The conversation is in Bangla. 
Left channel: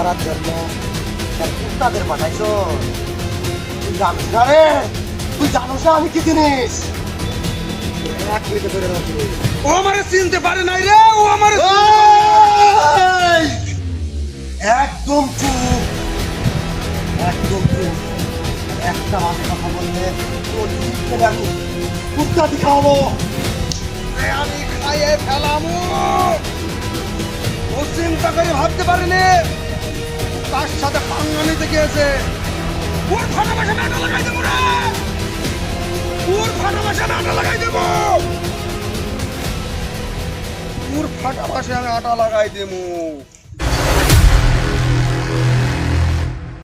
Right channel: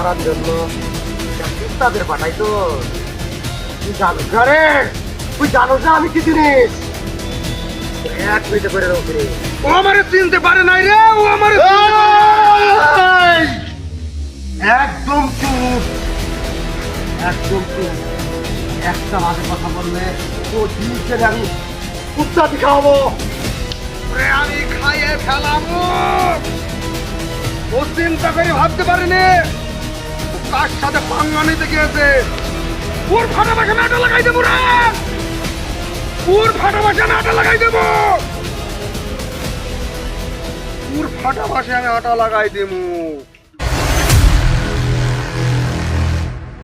মারার জন্য তাদের পাঠাইছো। তুই জানিস না রে, তুই জানোস না আমি কি জিনিস। এক মিনিটে করে রাখি রে। ও আমারে চিনতে পারে নাই রে, ও আমারে এই! একদম চুপ, একদম চুপ। একটা বাজে কথা বললে তোর জিনিসকে আমি কুত্তা খাওয়াবো। আমি খাইয়ে ফেলামু। ও চিন্তা করে ভাবতে পারিনি ও কার সাথে পাঙ্গা নিতে গিয়েছে। ওর ফাটা বাসা নাটা লাগাই দেবো রে, ওর ফাটা বাসা নাটা লাগাই দেবো, ওর ফাটা বাসে আমি আটা লাগাই দেবো।